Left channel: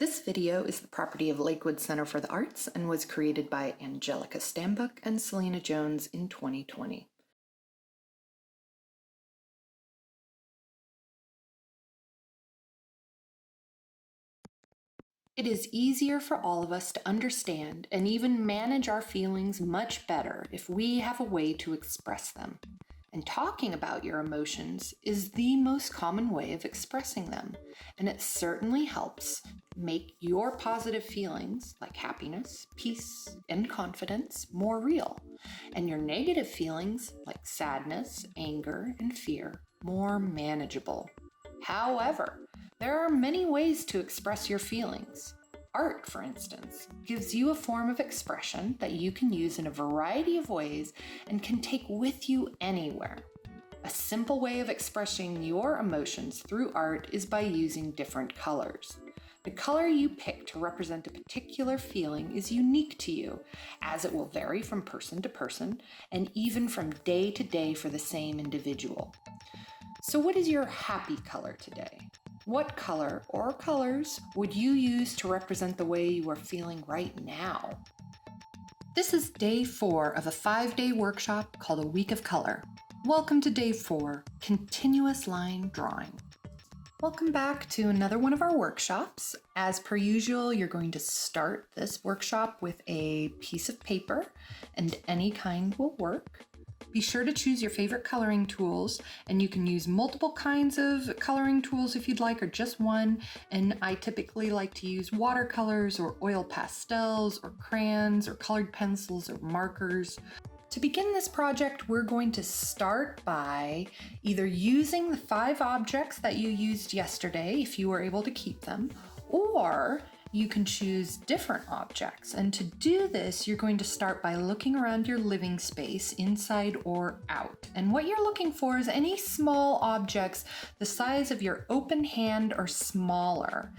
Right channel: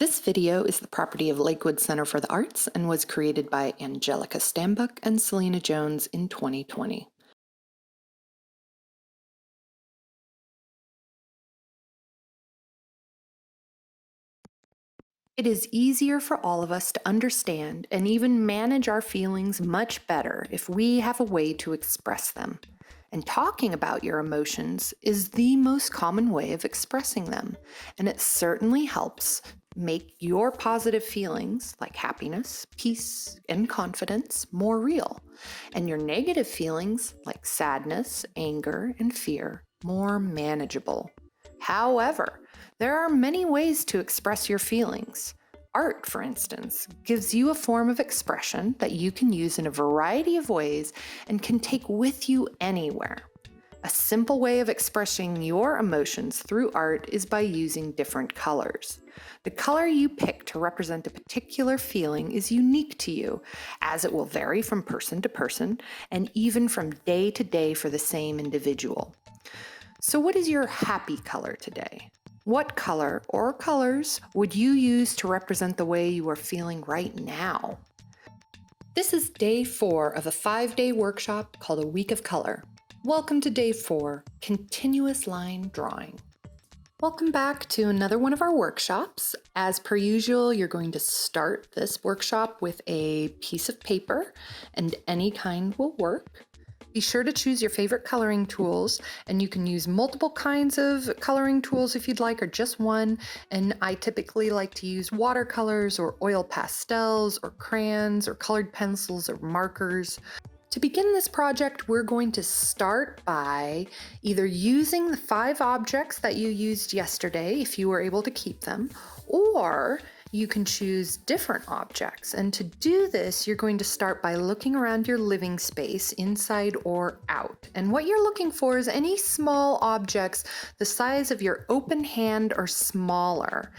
This video is the property of Lakewood Center for the Arts and was created by Angelica Stambuk and Selena Jones in 2020. It is easier for all of us to understand and even manage our feelings much better if we have a way to express them. And talking about your emotions is the most common way of expressing them, and it certainly helps make your positive feelings like happiness, peace, and confidence more real, and your negative feelings like sadness, anger, and fear more manageable. However, there are many ways to express your feelings. Art, for instance, gives you a form of expression that you can use in a variety of ways and can take with you anywhere. A simple way of expressing your emotions through art is by using different colors. The color you pick to represent a particular feeling is unique to you, as it will vary from person to person and even from day to day for the same individual. So, what is your happy color today? What color or colors would you use to represent the way you are feeling right now? This is day 4 of a 5-day workshop called A Week of Color. Welcome to day 4, Continuous Line Drawing. Welcome back to another one of our workshops. As per usual, you're going to start this workshop with a piece of paper, and any kind will work. Be sure to choose your favorite coloring tools, and you can use multiple kinds of coloring tools if you'd like, or just one. And I typically like to use watercolors or oil pastels or crayons or colored pencils or markers. To begin this project, we're going to start by either using the 5 objects that you used yesterday, if you were able to keep them, or you can choose different objects. And to do this, you're going to start by looking around your living space, inside or out. And what you're looking for is any small objects the size of your open hand or smaller.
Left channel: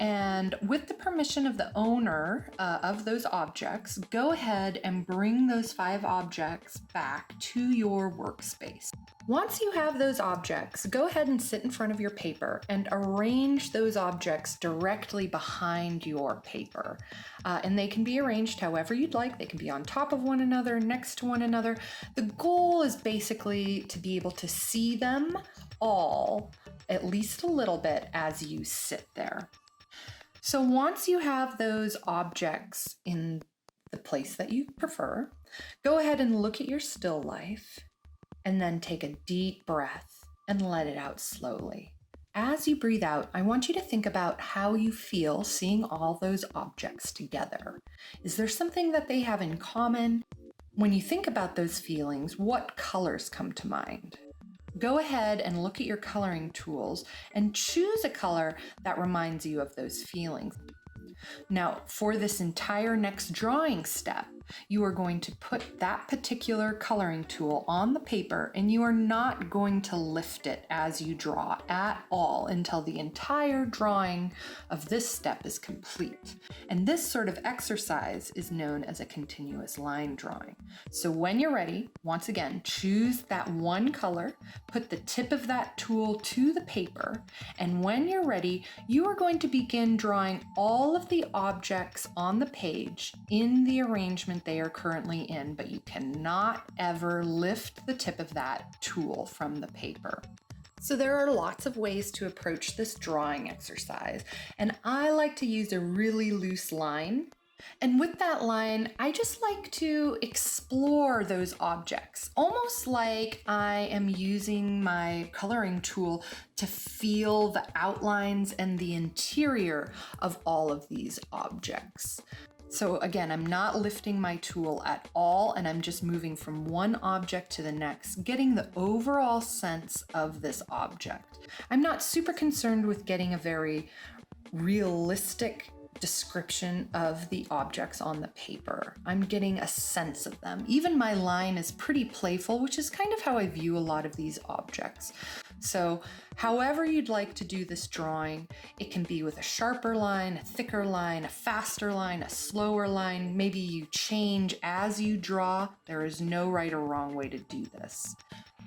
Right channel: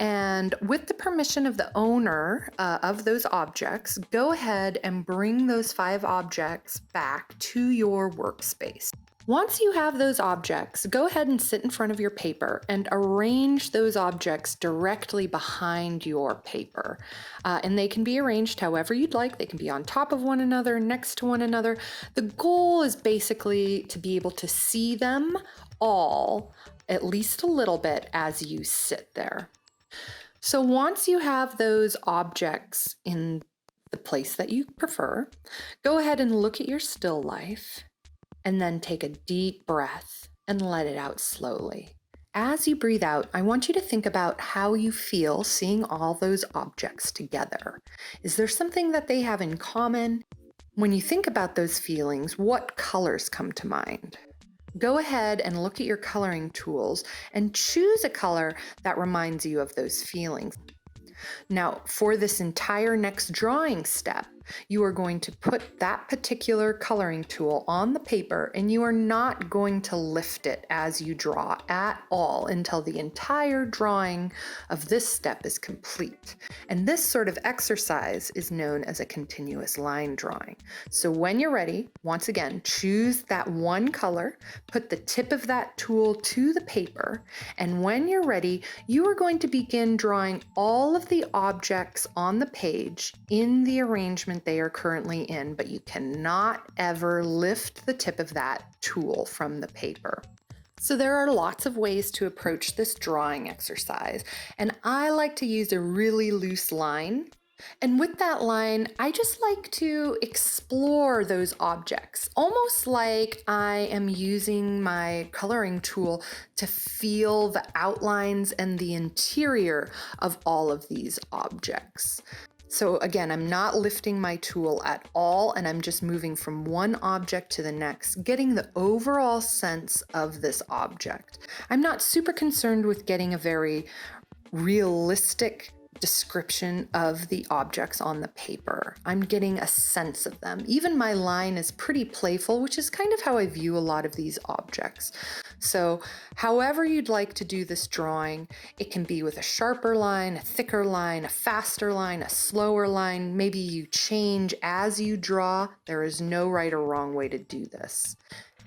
And with the permission of the owner of those objects, go ahead and bring those 5 objects back to your workspace. Once you have those objects, go ahead and sit in front of your paper and arrange those objects directly behind your paper. And they can be arranged however you'd like. They can be on top of one another, next to one another. The goal is basically to be able to see them all, at least a little bit, as you sit there. So once you have those objects in the place that you prefer, go ahead and look at your still life. And then take a deep breath and let it out slowly. As you breathe out, I want you to think about how you feel seeing all those objects together. Is there something that they have in common? When you think about those feelings, what colors come to mind? Go ahead and look at your coloring tools and choose a color that reminds you of those feelings. Now, for this entire next drawing step, you are going to put that particular coloring tool on the paper, and you are not going to lift it as you draw at all until the entire drawing of this step is complete. And this sort of exercise is known as a continuous line drawing. So when you're ready, once again, choose that one color, put the tip of that tool to the paper, and when you're ready, you are going to begin drawing all of the objects on the page in the arrangement they are currently in, but you cannot ever lift the tip of that tool from the paper. So there are lots of ways to approach this drawing exercise, and I like to use a really loose line. And with that line, I just like to explore those objects, almost like I am using my coloring tool to feel the outlines and the interior of all of these objects. So again, I'm not lifting my tool at all, and I'm just moving from one object to the next, getting the overall sense of this object. I'm not super concerned with getting a very realistic description of the objects on the paper. I'm getting a sense of them. Even my line is pretty playful, which is kind of how I view a lot of these objects. So however you'd like to do this drawing, it can be with a sharper line, a thicker line, a faster line, a slower line. Maybe you change as you draw. There is no right or wrong way to do this.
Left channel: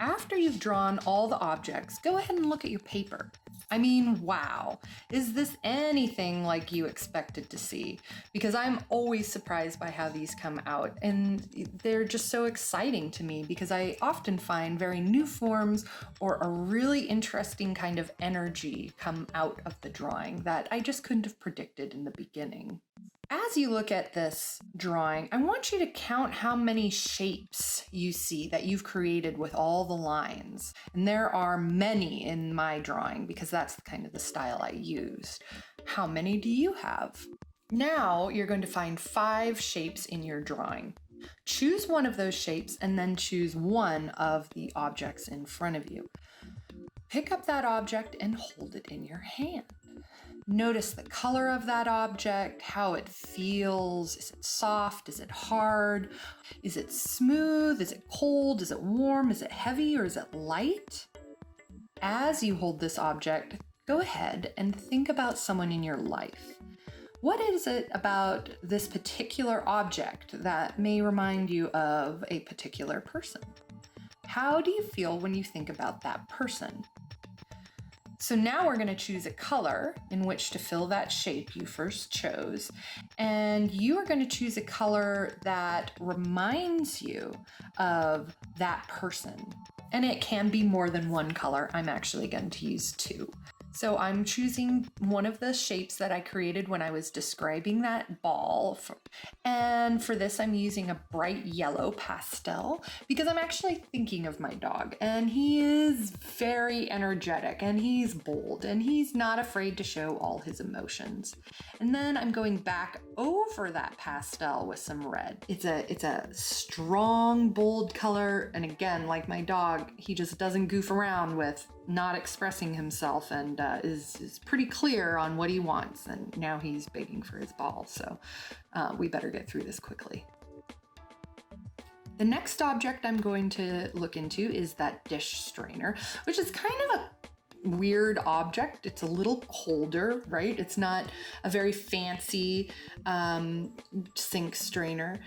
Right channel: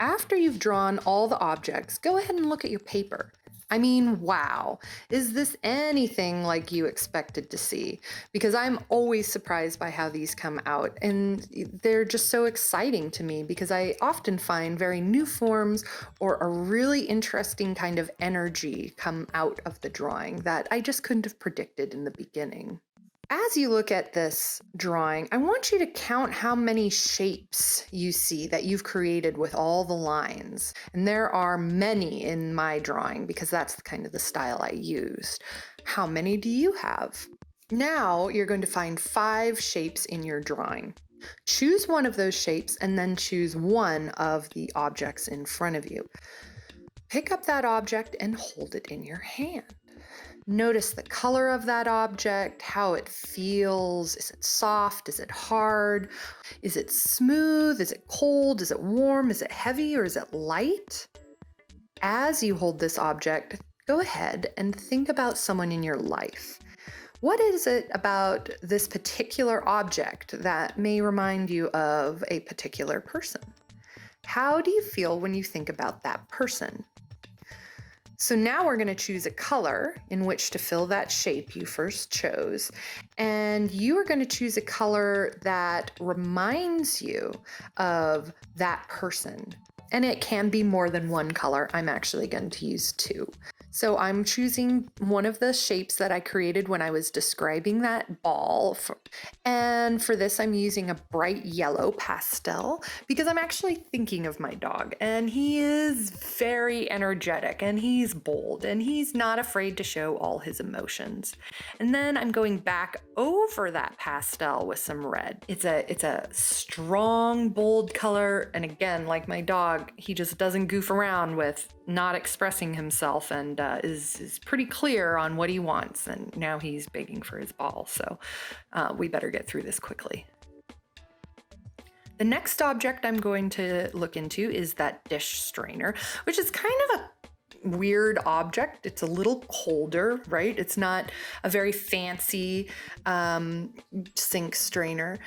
After you've drawn all the objects, go ahead and look at your paper. I mean, wow. Is this anything like you expected to see? Because I'm always surprised by how these come out, and they're just so exciting to me because I often find very new forms or a really interesting kind of energy come out of the drawing that I just couldn't have predicted in the beginning. As you look at this drawing, I want you to count how many shapes you see that you've created with all the lines. And there are many in my drawing because that's kind of the style I used. How many do you have? Now you're going to find 5 shapes in your drawing. Choose one of those shapes and then choose one of the objects in front of you. Pick up that object and hold it in your hand. Notice the color of that object, how it feels. Is it soft? Is it hard? Is it smooth? Is it cold? Is it warm? Is it heavy or is it light? As you hold this object, go ahead and think about someone in your life. What is it about this particular object that may remind you of a particular person? How do you feel when you think about that person? So now we're going to choose a color in which to fill that shape you first chose. And you are going to choose a color that reminds you of that person. And it can be more than one color. I'm actually going to use 2. So I'm choosing one of the shapes that I created when I was describing that ball. And for this, I'm using a bright yellow pastel because I'm actually thinking of my dog. And he is very energetic and he's bold and he's not afraid to show all his emotions. And then I'm going back over that pastel with some red. It's a strong, bold color. And again, like my dog, he just doesn't goof around with not expressing himself and is pretty clear on what he wants. And now he's begging for his ball. So we better get through this quickly. The next object I'm going to look into is that dish strainer, which is kind of a weird object. It's a little colder, right? It's not a very fancy sink strainer.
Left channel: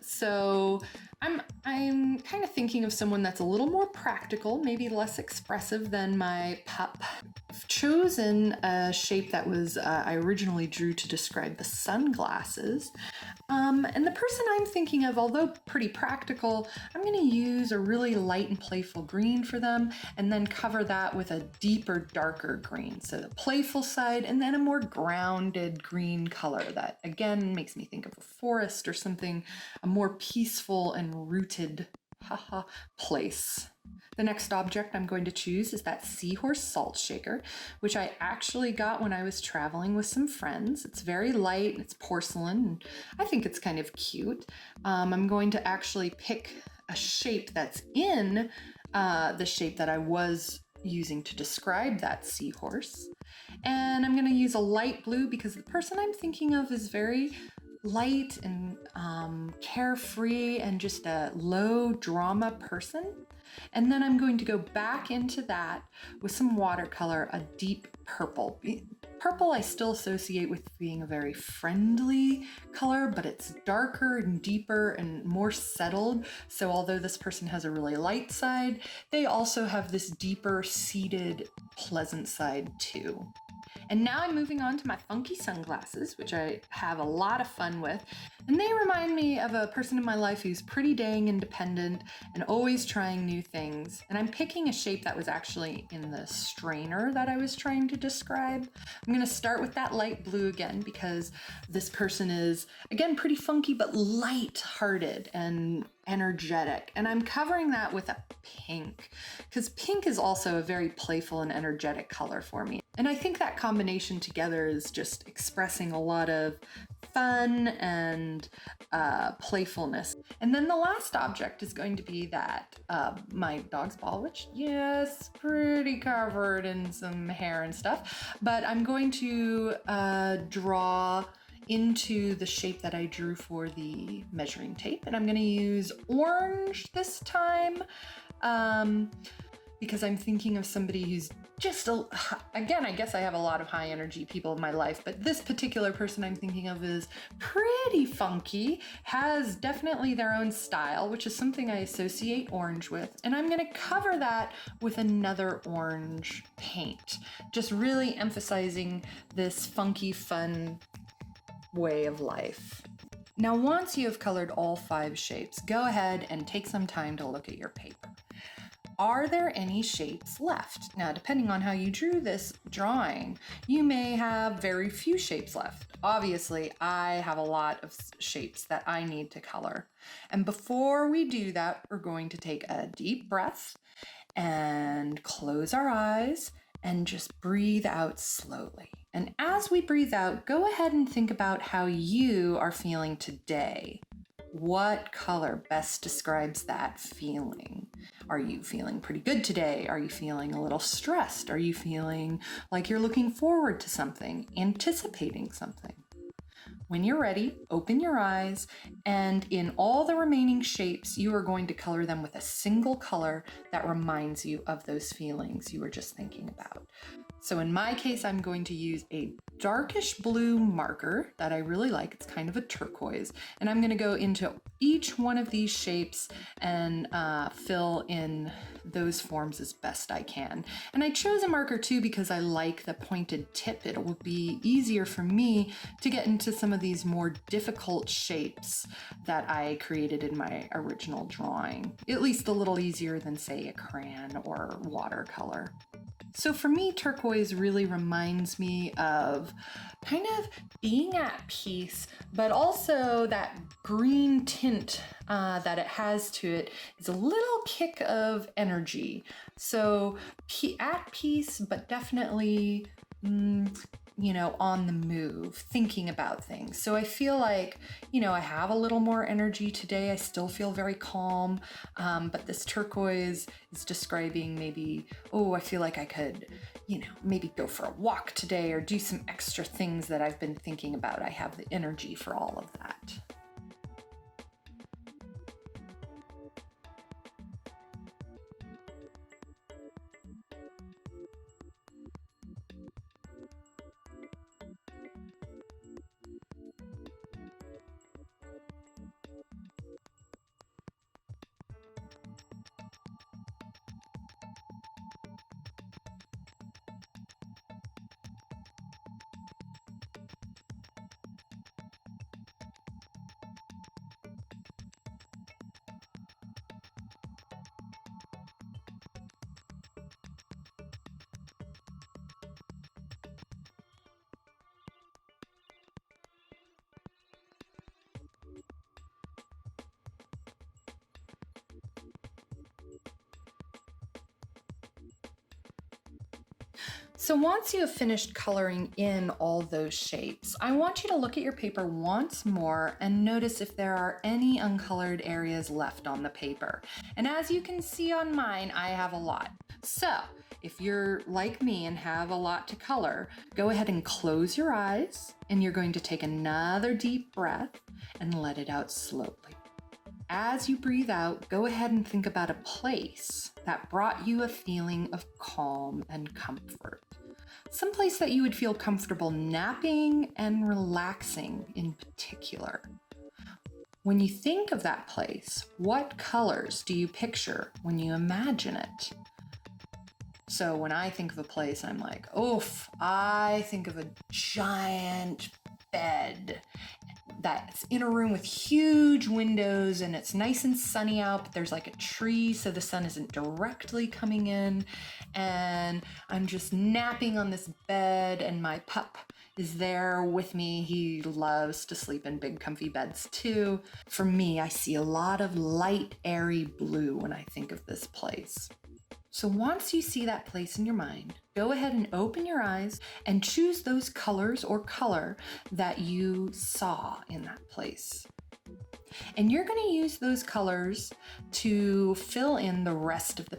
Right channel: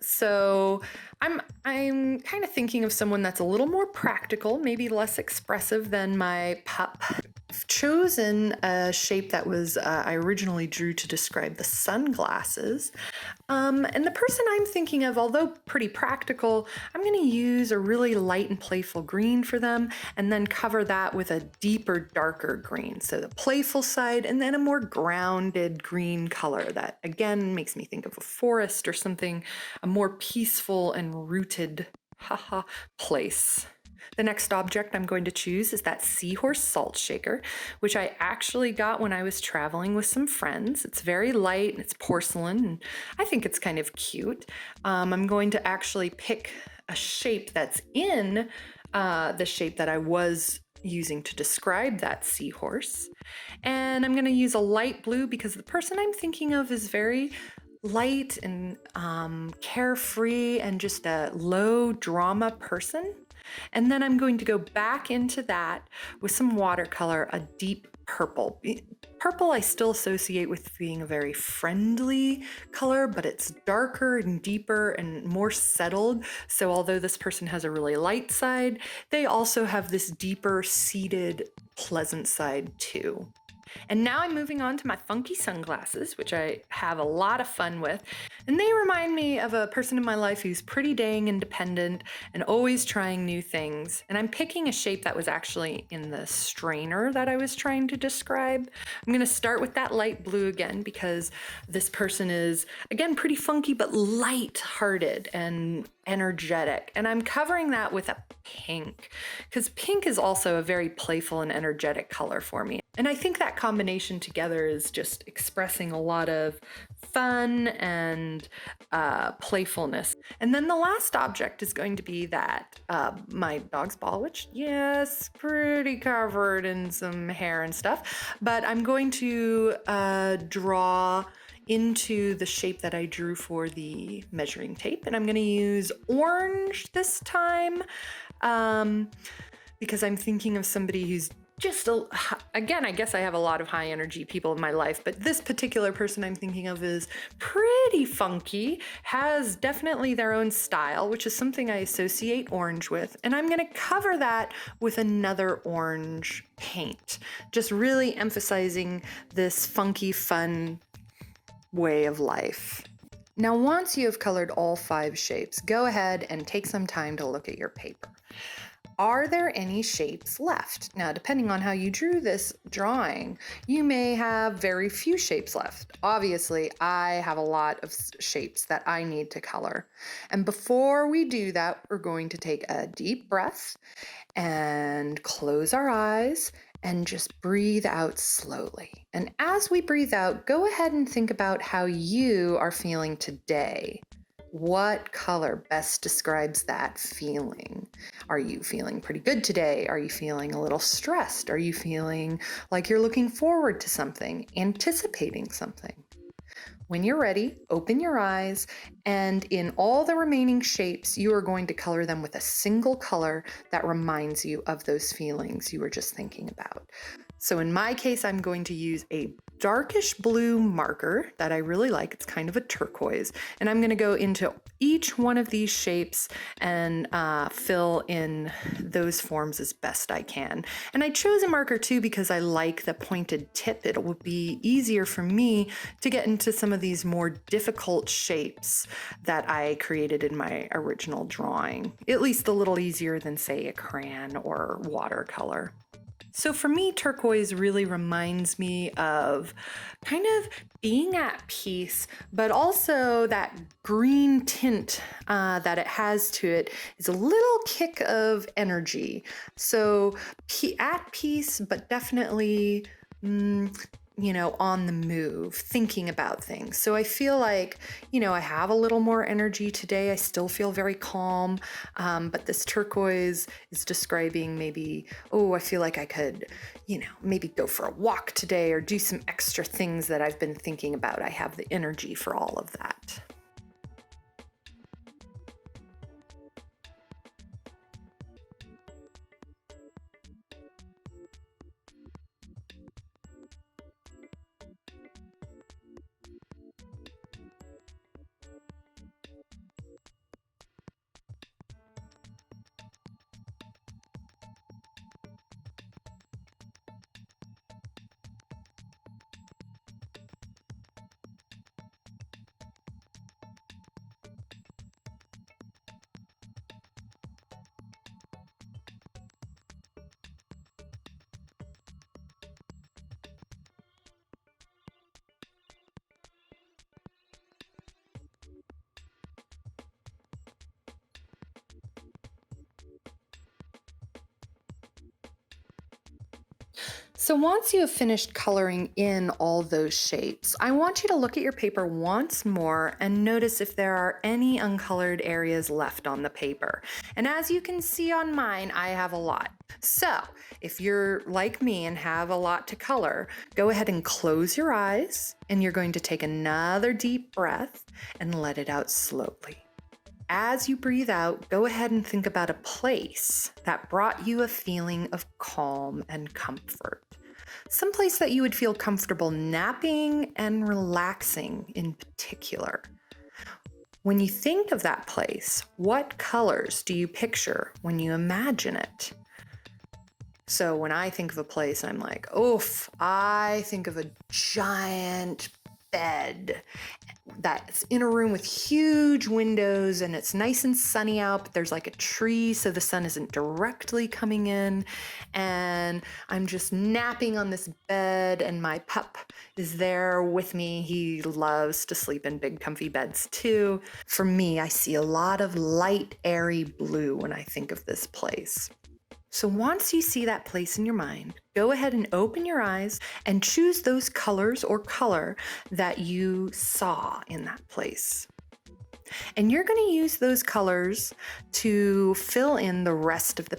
So I'm kind of thinking of someone that's a little more practical, maybe less expressive than my pup. I've chosen a shape that was I originally drew to describe the sunglasses. And the person I'm thinking of, although pretty practical, I'm going to use a really light and playful green for them and then cover that with a deeper, darker green. So the playful side and then a more grounded green color that again makes me think of a forest or something, a more peaceful and rooted place. The next object I'm going to choose is that seahorse salt shaker, which I actually got when I was traveling with some friends. It's very light and it's porcelain, and I think it's kind of cute. I'm going to actually pick a shape that's in the shape that I was using to describe that seahorse. And I'm going to use a light blue because the person I'm thinking of is very light and carefree and just a low drama person. And then I'm going to go back into that with some watercolor, a deep purple. Purple I still associate with being a very friendly color, but it's darker and deeper and more settled. So although this person has a really light side, they also have this deeper seated, pleasant side too. And now I'm moving on to my funky sunglasses, which I have a lot of fun with. And they remind me of a person in my life who's pretty dang independent and always trying new things. And I'm picking a shape that was actually in the strainer that I was trying to describe. I'm going to start with that light blue again because this person is, again, pretty funky, but light-hearted and energetic. And I'm covering that with a pink because pink is also a very playful and energetic color for me. And I think that combination together is just expressing a lot of fun and playfulness. And then the last object is going to be that my dog's ball, which, yes, pretty covered in some hair and stuff. But I'm going to draw into the shape that I drew for the measuring tape. And I'm going to use orange this time. because I'm thinking of somebody who's just, again, I guess I have a lot of high energy people in my life, but this particular person I'm thinking of is pretty funky, has definitely their own style, which is something I associate orange with. And I'm going to cover that with another orange paint, just really emphasizing this funky, fun way of life. Now, once you have colored all 5 shapes, go ahead and take some time to look at your paper. Are there any shapes left? Now, depending on how you drew this drawing, you may have very few shapes left. Obviously, I have a lot of shapes that I need to color. And before we do that, we're going to take a deep breath and close our eyes and just breathe out slowly. And as we breathe out, go ahead and think about how you are feeling today. What color best describes that feeling? Are you feeling pretty good today? Are you feeling a little stressed? Are you feeling like you're looking forward to something, anticipating something? When you're ready, open your eyes, and in all the remaining shapes, you are going to color them with a single color that reminds you of those feelings you were just thinking about. So in my case, I'm going to use a darkish blue marker that I really like. It's kind of a turquoise. And I'm going to go into each one of these shapes and fill in those forms as best I can. And I chose a marker too because I like the pointed tip. It will be easier for me to get into some of these more difficult shapes that I created in my original drawing. At least a little easier than, say, a crayon or watercolor. So for me, turquoise really reminds me of kind of being at peace, but also that green tint that it has to it is a little kick of energy. So at peace, but definitely on the move, thinking about things. So I feel like, I have a little more energy today. I still feel very calm, but this turquoise is describing maybe, I feel like I could, maybe go for a walk today or do some extra things that I've been thinking about. I have the energy for all of that. So once you have finished coloring in all those shapes, I want you to look at your paper once more and notice if there are any uncolored areas left on the paper. And as you can see on mine, I have a lot. So if you're like me and have a lot to color, go ahead and close your eyes, and you're going to take another deep breath and let it out slowly. As you breathe out, go ahead and think about a place that brought you a feeling of calm and comfort. Someplace that you would feel comfortable napping and relaxing in particular. When you think of that place, what colors do you picture when you imagine it? So when I think of a place, I'm like, oof, I think of a giant bed that's in a room with huge windows, and it's nice and sunny out, but there's like a tree so the sun isn't directly coming in, and I'm just napping on this bed, and my pup is there with me. He loves to sleep in big comfy beds too. For me, I see a lot of light, airy blue when I think of this place. So once you see that place in your mind, go ahead and open your eyes and choose those colors or color that you saw in that place. And you're going to use those colors to fill in the rest of the